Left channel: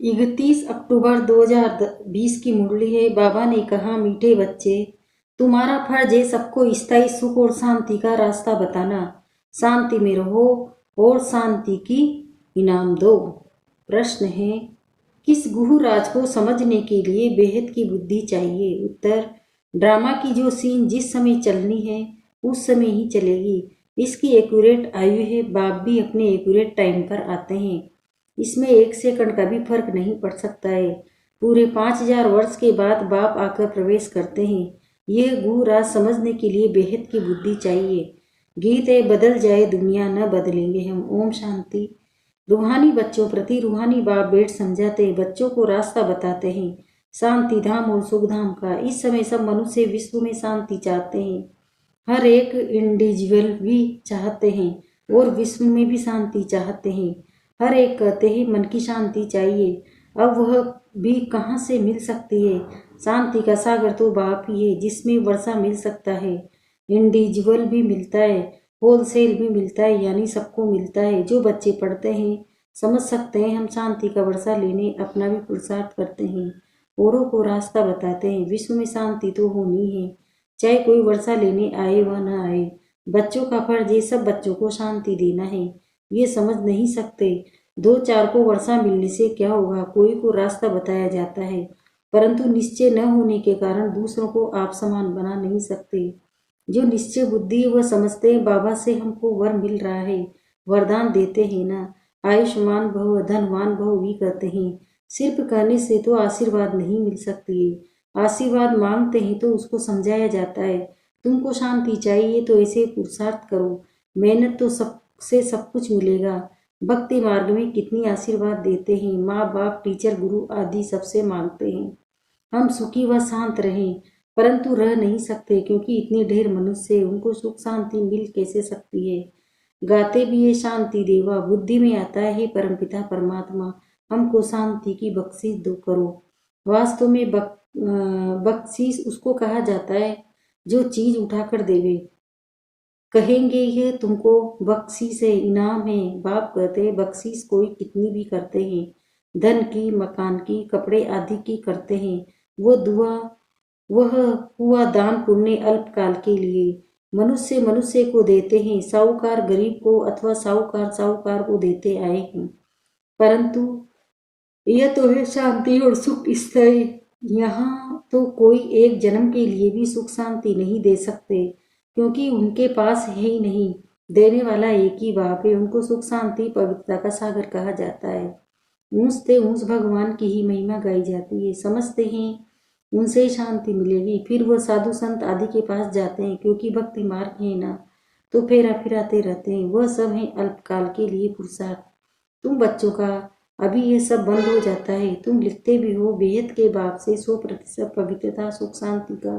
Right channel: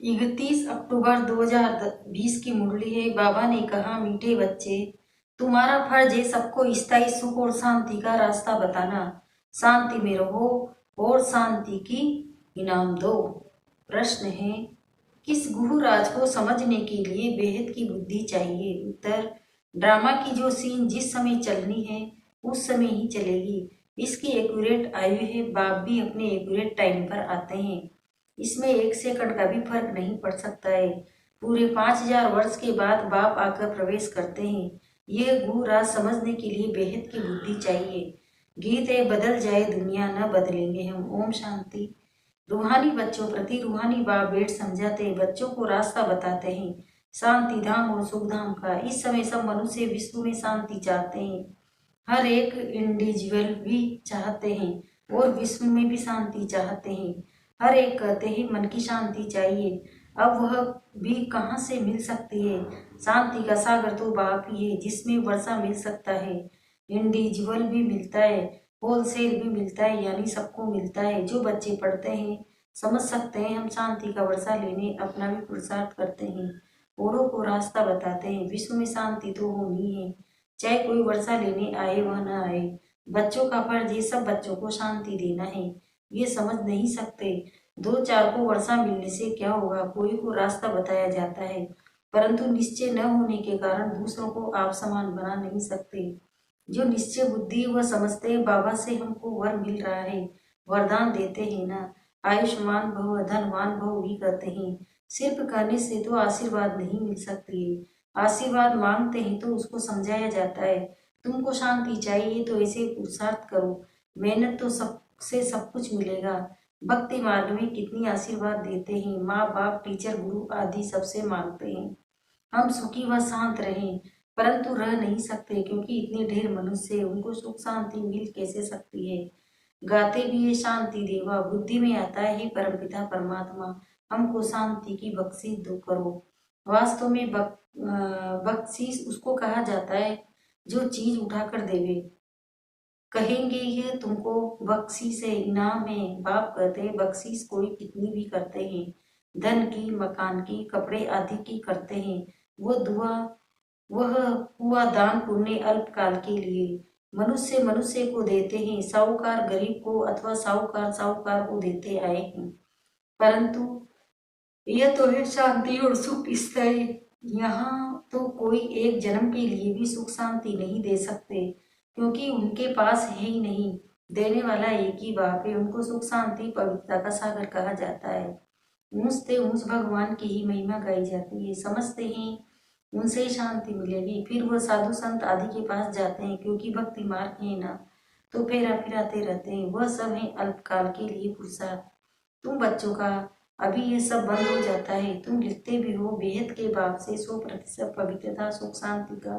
31 अक्टूबर 2020 की मुरली है। बाबा ने कहा, मीठे बच्चे, तुम्हारा फर्ज है सबको स्थायी सुख और शांति का रास्ता बताना। शांति में रहो और शांति की इनाम दो। प्रश्न है, किस गुरु राज को समझने के लिए बेहद की बुद्धि चाहिए? उत्तर, ड्रामा की जो सीन जिस समय चलनी है उस समय ही चलेगी। इसकी एक्यूरेट आयु है। बाप भी अपने एक्यूरेट टाइम पर आते हैं। इसमें 1 सेकंड का भी फर्क नहीं पड़ सकता है। पूरे 5000 वर्ष के बाद बाप आकर प्रवेश करते हैं। यह गुरु राज समझने के लिए बेहद की बुद्धि चाहिए। गीत है, बदल जाए दुनिया न बदलेंगे हम। ओम शांति। रूहानी बच्चों प्रति रूहानी बाप बेट समझाते हैं, बच्चों को रास्ता बताते हैं शांति धाम और सुख धाम का। इस समय सब मनुष्य विश्व में शांति चाहते हैं। हर एक इंडिविजुअल भी चाहते हैं और विश्व में भी शांति चाहते हैं। हर एक कहते हैं मन की शांति चाहिए। अब वह भी कहाँ से मिल सकती है? शांति का सागर तो बाप ही है, जिसमें वर्षा मिल सकता है। इंडिविजुअल भी मिलता है, होलसेल भी मिलता है, यानी सबको मिलता है। जो बच्चे पढ़ते हैं समझ सकते हैं हम शांति का वर्षा लेने अपना भी पुरुषार्थ करते हैं, औरों को रास्ता बताते हैं। विश्व में शांति तो होनी है, चाहे कोई वर्षा लेने आए व न आए। बच्चों का फर्ज है सब बच्चों को शांति देना है। ये समझ नहीं सकते 2-4 को वर्षा मिलने से क्या होगा। कोई को रास्ता बताया जाता है, परंतु निश्चय न होने के कारण दूसरों को आप समान बना नहीं सकते। जो निश्चय बुद्धि वह समझते हैं बाबा से हमको वर मिल रहा है, वरदान देते हैं ना। आयुष्मान भव धनवान भव भी कहते हैं। सिर्फ कहने से तो आशीर्वाद नहीं मिल सकती है। आशीर्वाद मांगते हैं तो उसको समझाया जाता है। तुमको शांति चाहिए तो ऐसे पुरुषार्थ करो, मेहनत तो सबसे सब कुछ मिलेगा। भक्ति मार्ग में कितनी आशीर्वाद देते हैं। माँ बाप टीचर गुरु आदि सबसे मांगते हैं हम सुखी व शांत रहें, परंतु रह नहीं सकते क्योंकि इतने ढेर मनुष्य, उनको सुख शांति मिल कैसे सकती है। गाते भी ये शांति देवा, बुद्धि में आता है परमपिता परमात्मा, हमको शांति की बख्शीश दो करो। वास्तव में बख्शीश उसको कहा जाता है जो चीज उठाकर देवे। कहेंगे ये तुमको बख्शीश है, इनाम है। बाप कहते हैं बख्शीश कोई कितनी भी करते हैं, धन की, मकान की, कपड़े आदि की करते हैं। वह हुआ दान पुण्य अल्पकाल के लिए। मनुष्य मनुष्य को देते हैं, साहूकार गरीब को अथवा साहूकार साहूकार को देते आए हैं। परंतु यह तो है शांति और सुख स्थायी। यहाँ तो कोई एक जन्म के लिए भी सुख शांति नहीं दे सकते, क्योंकि उनके पास है ही नहीं। देने वाला एक ही बाप है। उनको सुख शांति पवित्रता का सागर कहा जाता है। ऊंच से ऊंच भगवान की ही महिमा गाई जाती है। समझते हैं उनसे ही शांति मिलेगी। फिर वह साधु संत आदि के पास जाते हैं, क्योंकि भक्ति मार्ग है ना, तो फेरा फिराते रहते हैं। वह सब है अल्पकाल के लिए पुरुषार्थ। तुम बच्चों का अभी ये सब बंद हो जाता है। तुम लिखते भी हो बेहद के बाप से 100% पवित्रता सुख शांति का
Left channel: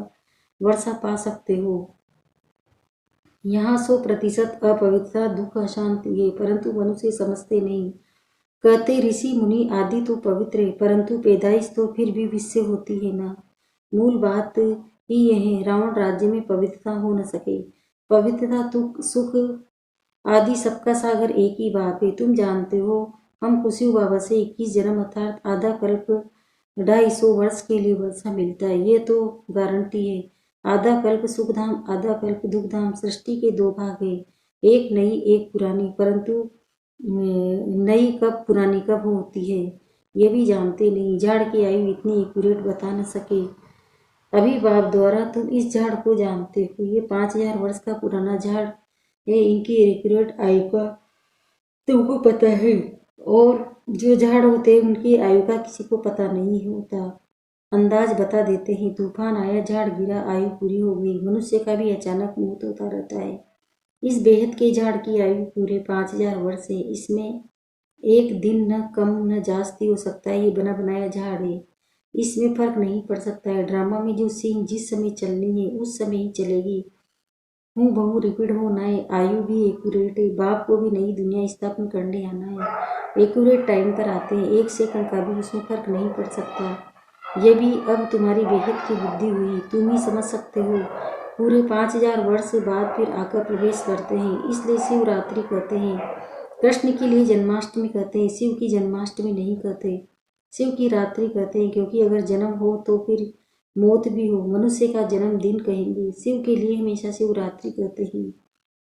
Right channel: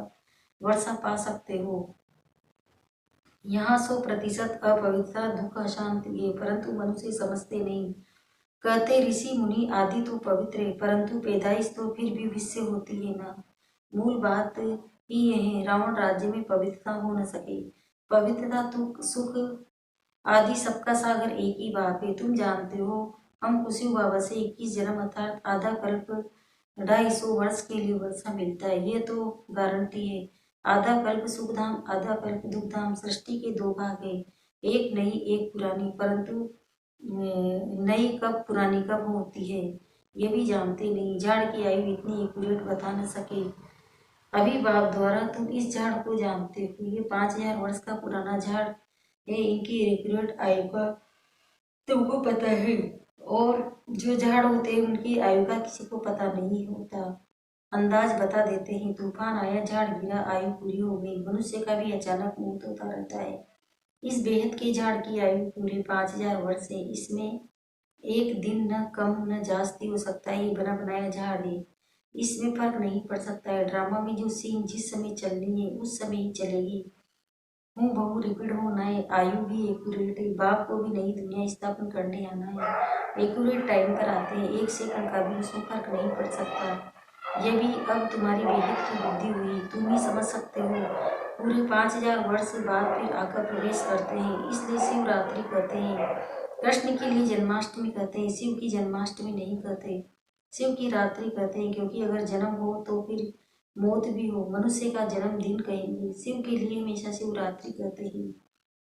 वर्षा पा सकते हो। यहाँ 100% अपवित्रता दुख अशांति है, परंतु मनुष्य समझते नहीं। कहते ऋषि मुनि आदि तो पवित्र है, परंतु पैदाइश तो फिर भी विश्व होती है ना। मूल बात ही यह है, रावण राज्य में पवित्रता हो न सके। पवित्रता दुख सुख आदि सबका सागर एक ही बाप है। तुम जानते हो हम कुशु बाबा से 21 जन्म अर्थात आधा कल्प 250 वर्ष के लिए वर्षा मिलता है। ये तो गारंटी है। आधा कल्प सुखधाम आधा कल्प दुखधाम। सृष्टि के 2 भाग है, एक नई एक पुरानी, परंतु नई कब पुरानी कब होती है ये भी जानते नहीं। झाड़ की आयु इतनी एक्यूरेट बता न सके अभी बाप द्वारा। तुम इस झाड़ को जानते हो, ये 5000 वर्ष का पुराना झाड़ है। इनकी एक्यूरेट आयु का तुमको पता है, और जो झाड़ होते हैं उनकी आयु का किसी को पता नहीं होता। अंदाज बता देते हैं। तूफान आया, झाड़ गिरा, आयु पूरी हो गई। मनुष्य का भी अचानक मौत होता रहता है। इस बेहद के झाड़ की आयु पूरे 5000 वर्ष है। इसमें एक दिन न कम न जास्ती हो सकता है। ये बना बनाया झाड़ है, इसमें फर्क नहीं पड़ सकता है। ड्रामा में जो सीन जिस समय चलनी है उस समय ही चलेगी। हूँ बहु रिपीट होना है। आयु भी एक्यूरेट है। बाप को भी नई दुनिया स्थापन करने आना है। एक्यूरेट टाइम पर आते हैं। 1 सेकंड का भी उसमें फर्क नहीं पड़ सकता। ये भी अब तुम्हारी बेहद की बुद्धि हुई, तुम ही समझ सकते हो। पूरे 5000 वर्ष बाद फिर आकर प्रवेश करते हैं, इसलिए शिवरात्रि कहते हैं। कृष्ण के लिए जन्माष्टमी कहते हैं, शिव की जन्माष्टमी नहीं कहते। शिव की रात्रि कहते हैं क्योंकि अगर जन्म हो तो फिर मौत भी हो। मनुष्य का जन्म दिन कहेंगे। शिव के लिए हमेशा शिवरात्रि कहते हैं।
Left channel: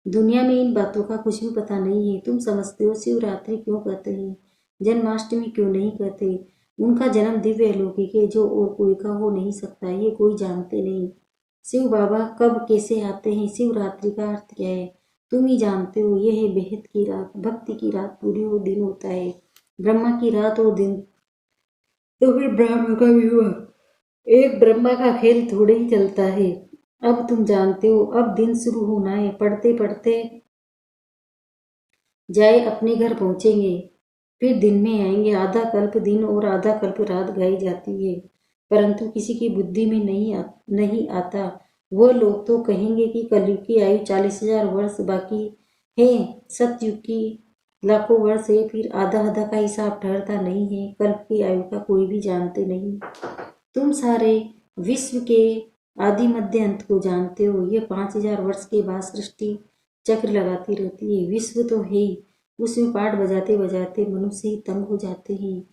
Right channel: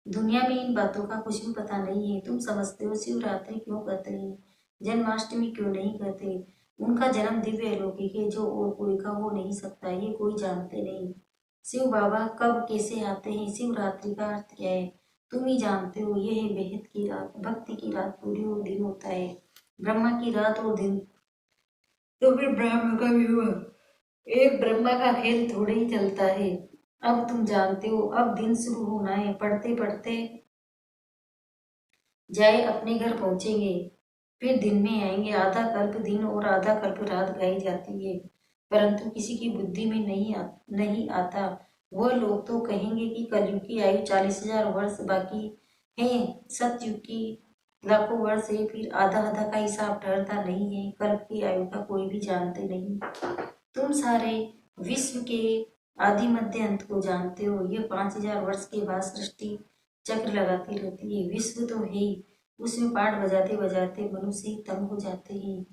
दुनिया में इन बातों का कुछ भी पता नहीं है। तुम समझते हो शिवरात्रि क्यों कहते हैं, जन्माष्टमी क्यों नहीं कहते। उनका जन्म दिव्य अलौकिक है जो और कोई का हो नहीं सकता, ये कोई जानते नहीं। शिव बाबा कब कैसे आते हैं, शिवरात्रि का अर्थ क्या है, तुम ही जानते हो। यह है बेहद की रात, भक्ति की रात पूरी हो दिन होता है। ब्रह्मा की रात और दिन तो फिर ब्रह्मा का भी हुआ। एक ब्रह्मा का खेल थोड़े ही चलता है। अब तुम जानते हो, अब दिन शुरू होना है। पढ़ते पढ़ते जाए अपने घर पहुंचेंगे, फिर दिन में आएंगे। आधा कल्प दिन और आधा कल्प रात गाई जाती है, परंतु किसी की बुद्धि में नहीं आता। वह लोग तो कहेंगे कि कलयुग की आयु 40,000 वर्ष बाकी है, सतयुग की लाखों वर्ष है। फिर आधा आधा का हिसाब ठहरता नहीं है। कल्प की आयु का कोई भी जानते नहीं। तुम सारे विश्व के आदि मध्य अंत को जानते हो। ये 5,000 वर्ष के बाद सृष्टि चक्र लगाती रहती है। विश्व तो है ही, उसमें पाठ बजाते बजाते मनुष्य ही तंग हो जाते हैं।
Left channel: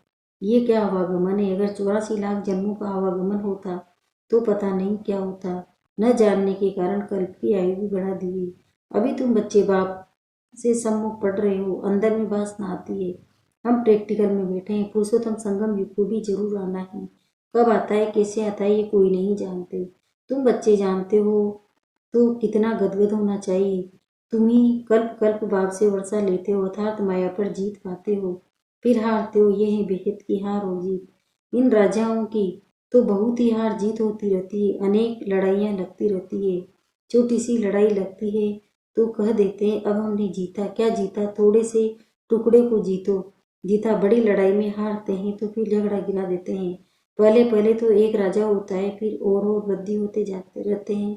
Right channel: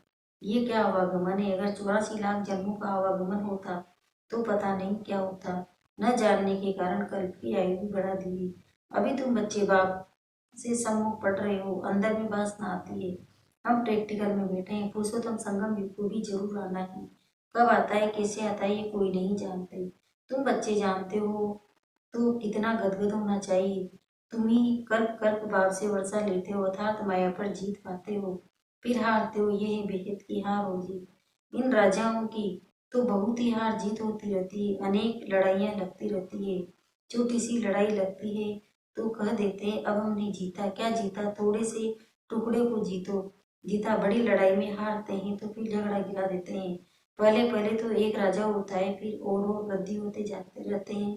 ये क्या आवागमन है। अगर 84 लाख जन्मों का आवागमन होता तो पता नहीं क्या होता। न जानने के कारण कल्प की आयु भी बढ़ा दी। अभी तुम बच्चे बाप से सम्मुख पढ़ रहे हो, अंदर में वासना आती है। हम प्रैक्टिकल में बैठे हैं। पुरुषोत्तम संगम युग को भी जरूर आना है। कब आता है कैसे आता है ये कोई नहीं जानते। तुम बच्चे जानते हो तो कितना गदगद होना चाहिए। तुम ही कल्प कल्प बाप से वर्षा लेते हो, अर्थात माया पर जीत पाते हो, फिर हारते हो। यह है बेहद की हार और जीत। इन राजाओं की तो बहुत ही हार जीत होती रहती है। अनेक लड़ाइयाँ लगती रहती है। छोटी सी लड़ाई लगती है तो कह देते हैं अब हमने जीता। क्या जीता, थोड़े से टुकड़े को जीता। बड़ी लड़ाई में हारते हैं तो फिर झगड़ा गिरा देते हैं। पहले पहले तो एक राजा होता है, फिर और वृद्धि होते जाते रहते हैं।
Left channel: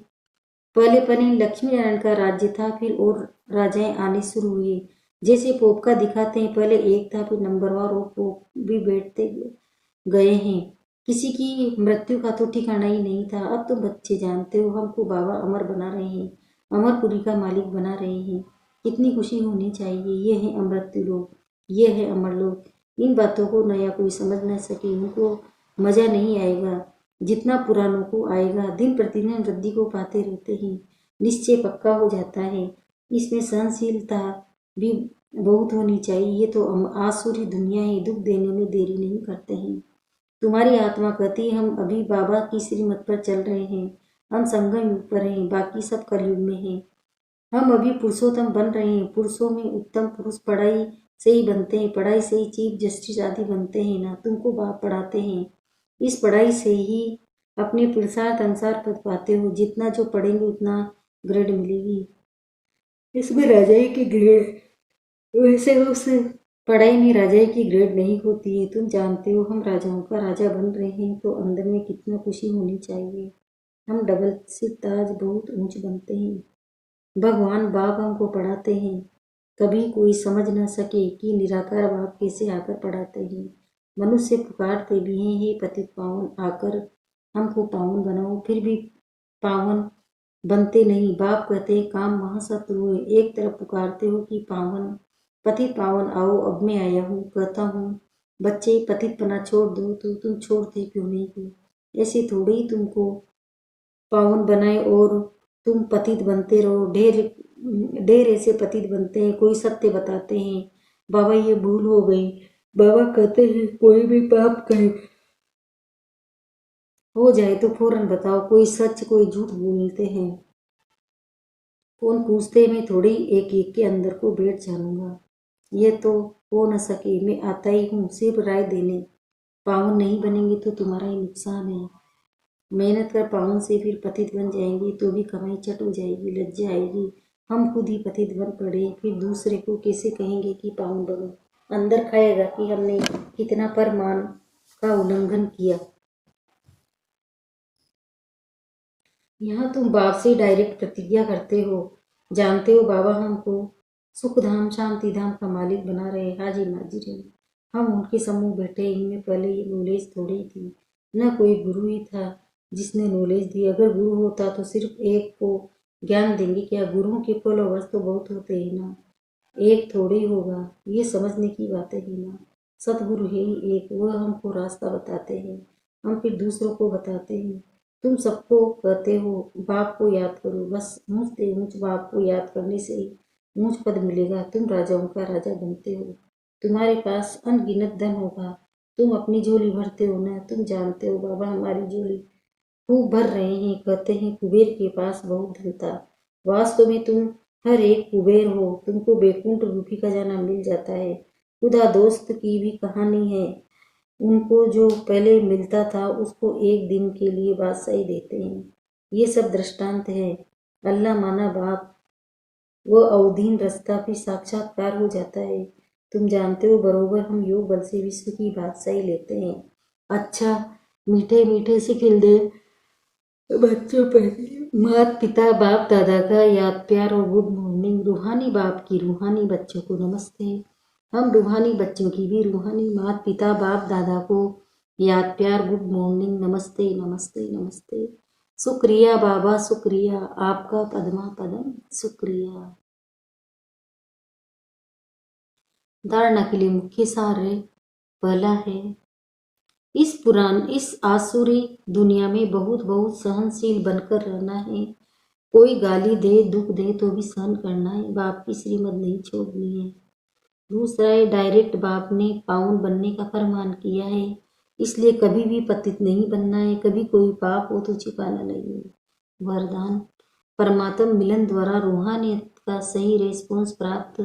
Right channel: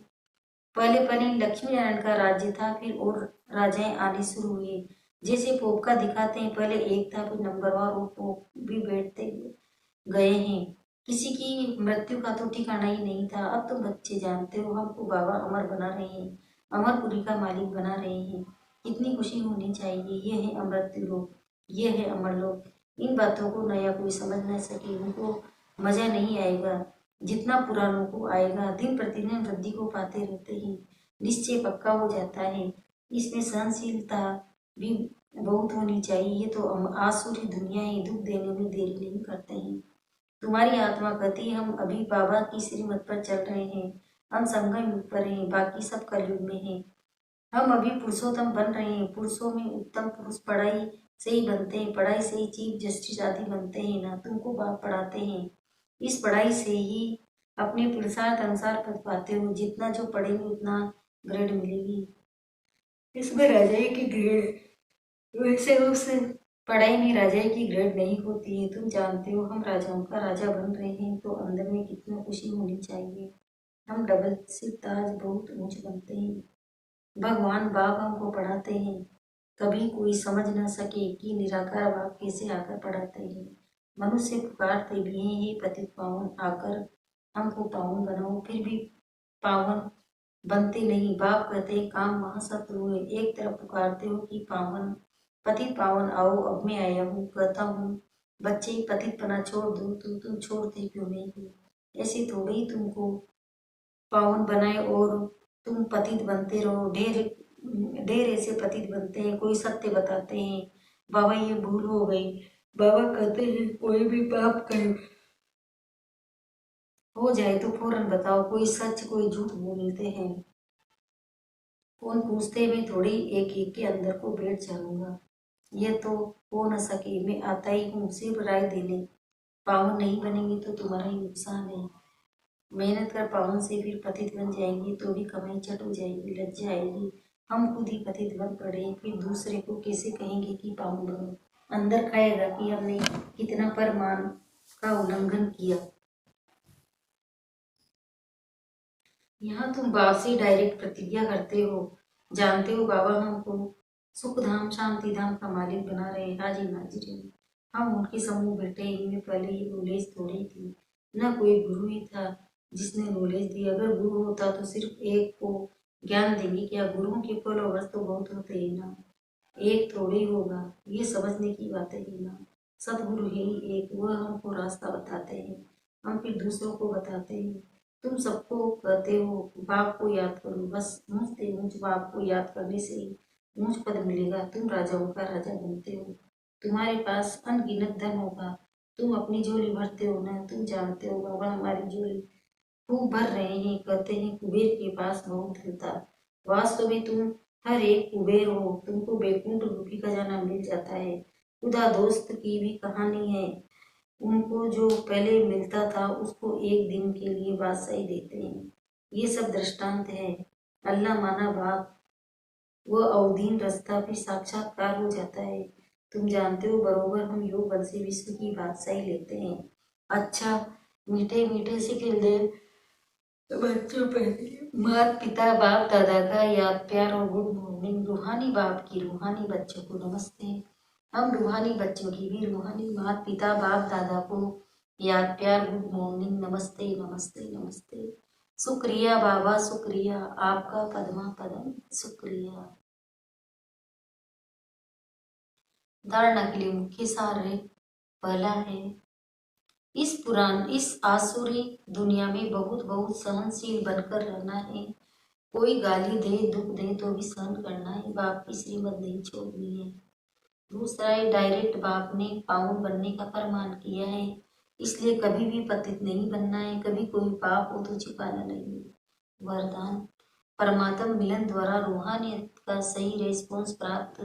पहले पनी लक्ष्मी नारायण का राज्य था, फिर और राजाएं आने शुरू हुए। जैसे पोप का दिखाते हैं, पहले एक था फिर नंबरवार और पोप भी बैठते गए हैं। किसी की मृत्यु का तो ठिकाना ही नहीं था। अब तो बच्चे जानते हो, हमको बाबा अमर बना रहे हैं, अमरपुरी का मालिक बना रहे हैं। कितनी खुशी होनी चाहिए। ये है अमृत्यु लोग, ये है अमर लोग। इन बातों को नया कोई समझ न सके, उनको मजा नहीं आएगा जितना पुरानों को आएगा। दिन प्रतिदिन वृद्धि को पाते रहते हैं, निश्चय पक्का हो जाता है। इसमें सहनशीलता भी बहुत होनी चाहिए। ये तो आसुरी दुनिया है, दुख देने में देरी नहीं करते हैं। तुम्हारी आत्मा कहती है हम अभी बाबा की श्रीमत पर चल रहे हैं, हम संगम युग पर हैं, बाकी सब कलयुग में हैं। हम अभी पुरुषोत्तम बन रहे हैं। पुरुषों में उत्तम पुरुष पढ़ाई से ही बनते हैं, पढ़ाई से ही चीफ जस्टिस आदि बनते हैं ना। तुमको बाप पढ़ाते हैं, इस पढ़ाई से ही अपने पुरुषार्थ अनुसार पद पाते हो। जितना जो पढ़ेंगे उतना ग्रेड मिलेगी। इसमें राजाई की ग्रेड, वैसे उस पढ़ाई में राजाई की ग्रेड नहीं होती है। तुम जानते हो हम राजाओं का राजा बन रहे हैं तो अंदर में कितना खुशी होनी चाहिए। हम डबल सिर ताज बहुत ऊंच बनते हैं। भगवान बाप हमको पढ़ाते हैं। कभी कोई समझ न सके कि निराकार बाप कैसे आकर पढ़ाते हैं। मनुष्य पुकारते भी हैं, हे पतित पावन आकर हमको पावन बनाओ, फिर भी पावन बनते नहीं। बाप कहते हैं काम महाशत्रु है। एक तरफ पुकारते हो कि पावन पतित पावन आओ, अब मैं आया हूँ, कहता हूँ बच्चे पतित पना छोड़ दो, तो तुम छोड़ते क्यों नहीं। ऐसे थोड़े ही तुमको पावन बनाए और तुम पतित बनते रहो। ढेर ढेर ऐसे पतित बनते हैं, कोई सत्य बताते हैं, बाबा ये भूल हो गई। बाबा कहते हैं कोई भी पाप करे हो जाए तो फौरन बताओ। कोई सच कोई झूठ बोलते हैं, कौन पूछते, मैं थोड़ी एक एक के अंदर को बैठ जानूंगा। ये तो हो न सके, मैं आता ही हूँ सिर्फ राय देने। पावन नहीं बनेंगे तो तुम्हारा ही नुकसान है। मेहनत कर पावन से फिर पतित बन जाएंगे तो भी कमाई चट हो जाएगी, लज्जा आएगी। हम खुद ही पतित बन पड़े, फिर दूसरे को कैसे कहेंगे कि पावन बनो। अंदर खाएगा कि हमने कितना परमान का उल्लंघन किया। यहाँ तुम बाप से डायरेक्ट प्रतिज्ञा करते हो। जानते हो बाबा हमको सुख धाम शांति धाम का मालिक बना रहे। हाजिर नाजिर है, हम उनके समूह बैठे। इनमें पहले ये नॉलेज थोड़ी थी, न कोई गुरु ही था जिसने नॉलेज दी। अगर गुरु होता तो सिर्फ एक को ज्ञान देंगे क्या। गुरुओं के फॉलोवर्स तो बहुत होते हैं ना, एक थोड़ी होगा। ये समझने की बातें है ना। सतगुरु है ही एक, वह हमको रास्ता बताते हैं, हम फिर दूसरों को बताते हैं। तुम सबको कहते हो बाप को याद करो, बस ऊंच से ऊंच बाप को याद करने से ही ऊंच पद मिलेगा। तुम राजाओं का राजा बनते हो, तुम्हारे पास अनगिनत धन होगा, तुम अपनी झोली भरते हो ना। तुम जानते हो बाबा हमारी झोली खूब भर रहे हैं। कहते हैं कुबेर के पास बहुत धन था, वास्तव में तुम हर एक कुबेर हो, तुमको बैकुंठ रूपी खजाना मिल जाता है। खुदा दोस्त की भी कहानी है, उनको जो पहले मिलता था उसको एक दिन के लिए बादशाही देते हैं। ये सब दृष्टांत है। अल्लाह माना बाप, वह अवधीन रास्ता भी साक्षात्कार हो जाता है। तुम जानते हो बरोबर हम योग बल से विश्व की बादशाही लेते हैं। अच्छा, मीठे मीठे से खिलते बच्चों पहले माता पिता बाप दादा का याद प्यार और गुड मॉर्निंग। रूहानी बाप की रूहानी बच्चों को नमस्ते। हम रूहानी बच्चों की भी रूहानी माता पिता बाप दादा को याद प्यार गुड मॉर्निंग, नमस्ते नमस्ते नमस्ते। शुक्रिया बाबा शुक्रिया, आपका पद्मा पदम शुक्रिया। धारणा के लिए मुख्य सार है, पहला है इस आसुरी दुनिया में बहुत बहुत सहनशील बनकर रहना है। कोई गाली दे दुख दे तो भी सहन करना है, बाप की श्रीमत नहीं छोड़नी है। दूसरा है डायरेक्ट बाप ने पावन बनने का फरमान किया है, इसलिए कभी भी पतित नहीं बनना है, कभी कोई पाप हो तो छिपाना नहीं है। वरदान, परमात्म मिलन द्वारा रूहानियत का सही रेस्पॉन्स प्राप्त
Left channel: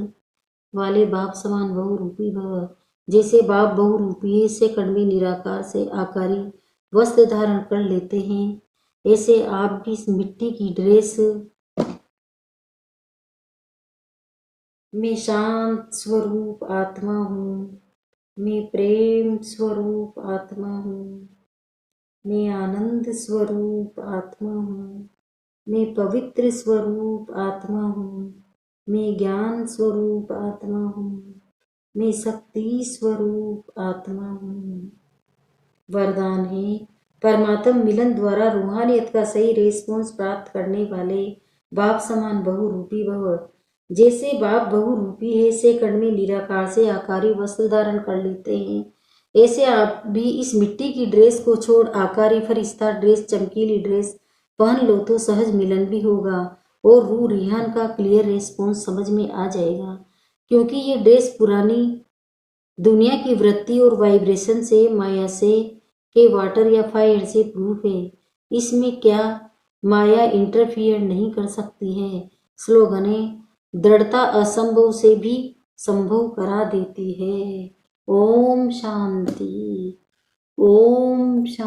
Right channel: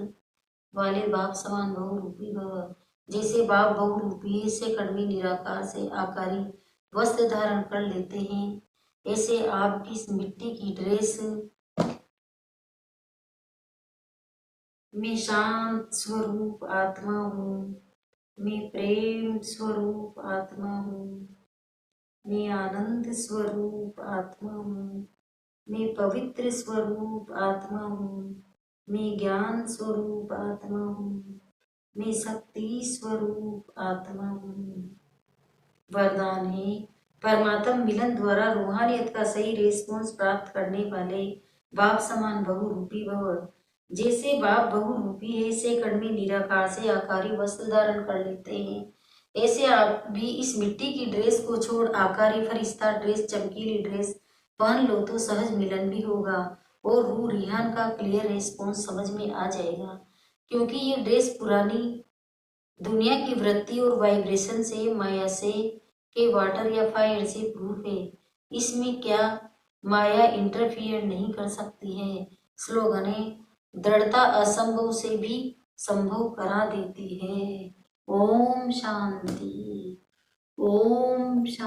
वाले बाप समान बहुरूपी भव। जैसे बाप बहुरूपी है, से कड़वी निराकार से आकारी वस्त्र धारण कर लेते हैं, ऐसे आप भी इस मिट्टी की ड्रेस में शांत स्वरूप आत्मा हूँ, मैं प्रेम स्वरूप आत्मा हूँ, मैं आनंद स्वरूप आत्मा हूँ, मैं पवित्र स्वरूप आत्मा हूँ, मैं ज्ञान स्वरूप आत्मा हूँ, मैं शक्ति स्वरूप आत्मा हूँ। वरदान है, परमात्म मिलन द्वारा रूहानियत का सही रेस्पॉन्स प्राप्त करने वाले बाप समान बहुरूपी भव। जैसे बाप बहुरूपी है, से कण में निराकार से आकारी वस्त्र धारण कर लेते हैं, ऐसे आप भी इस मिट्टी की ड्रेस को छोड़ आकारी फरिश्ता ड्रेस, चमकीली ड्रेस पहन लो तो सहज मिलन भी होगा और रूह रिहान का क्लियर रेस्पॉन्स समझ में आ जाएगा। क्योंकि ये ड्रेस पुरानी दुनिया की वृत्ति और वाइब्रेशन से, माया से के वाटर या फायर से प्रूफ है। इसमें क्या माया इंटरफियर नहीं कर सकती है। स्लोगन है, दृढ़ता असंभव से भी संभव करा देती है। ओम शांति, ओम शांति।